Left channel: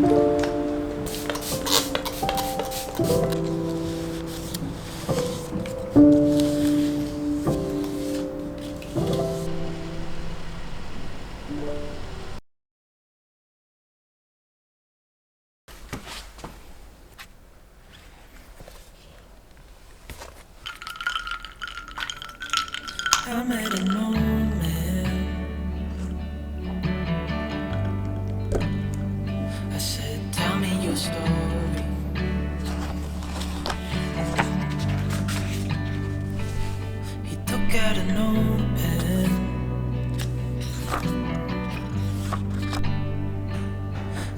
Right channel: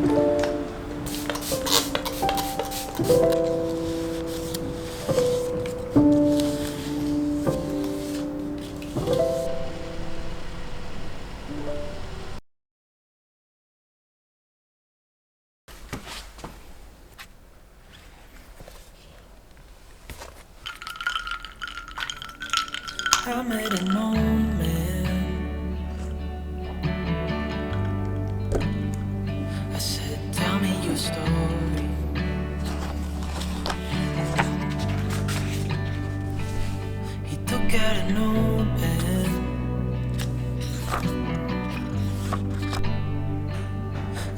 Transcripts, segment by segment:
I made a moment. I said, tell me your story. He took out a notepad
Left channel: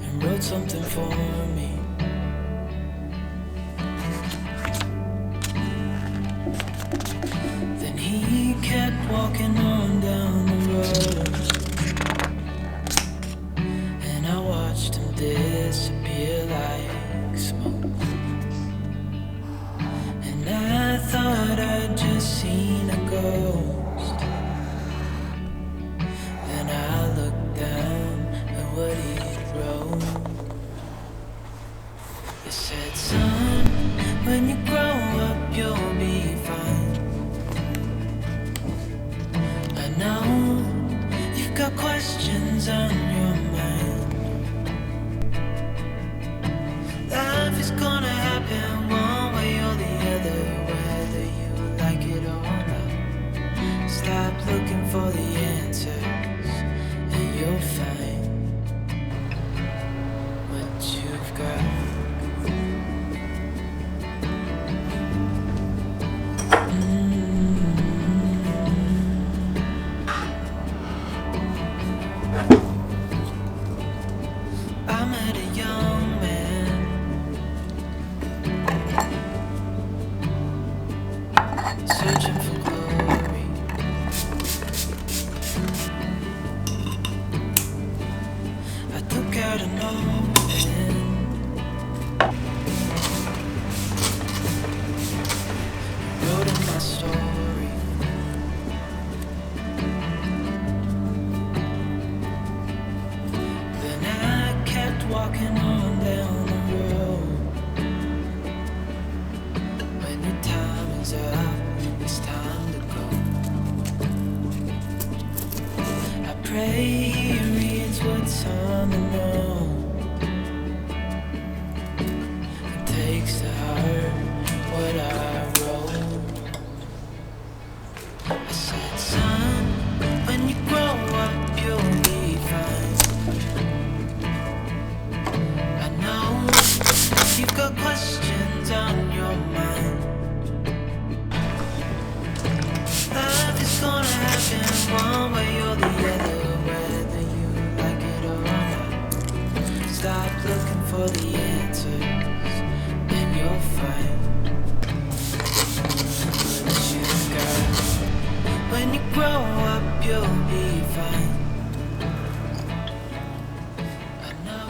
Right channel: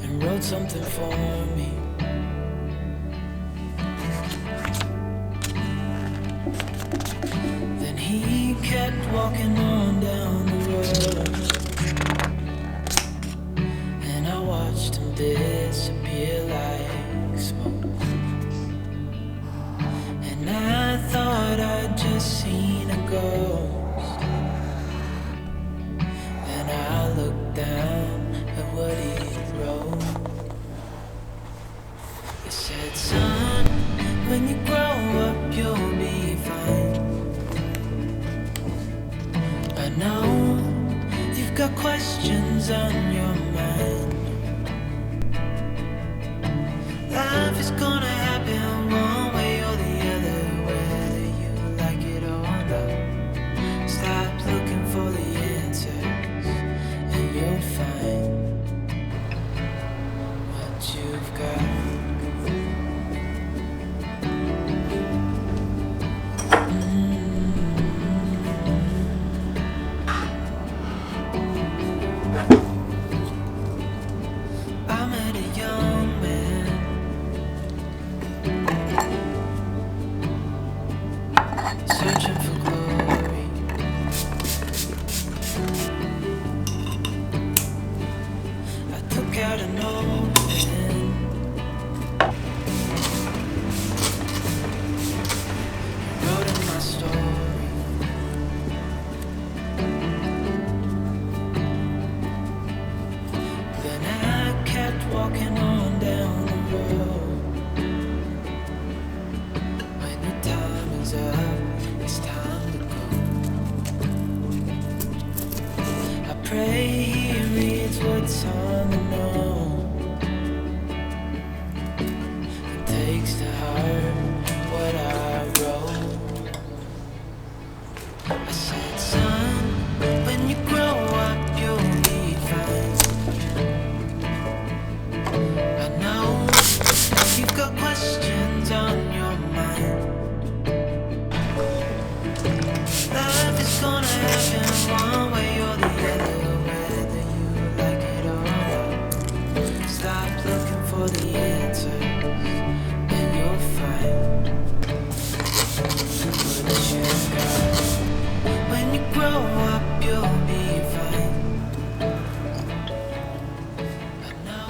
and wrote something for me. Then he kept walking on down the road, and I watched him disappear like smoke. And I thought I'd just seen a ghost. Then I looked down at what he wrote. It said, son, when you grow up you'll be fine. I know you've got questions on your mind. Life is gonna happen one way or the other, whether you like it or not. Stop looking for the answers and you'll find what you've got. I met a young man searching for glory. I took out a notepad, wrote in my story. Then I kept walking on down the road. When your time is up, it's time to go. I pray he reads what's on the note and takes to heart what I wrote. I said, son, when you grow up you'll be fine. I know you've got questions on your mind. Life is gonna happen one way or the other, whether you like it or not. Stop looking for the answers and you'll find what you've got. When you grow up you'll be fine. I know.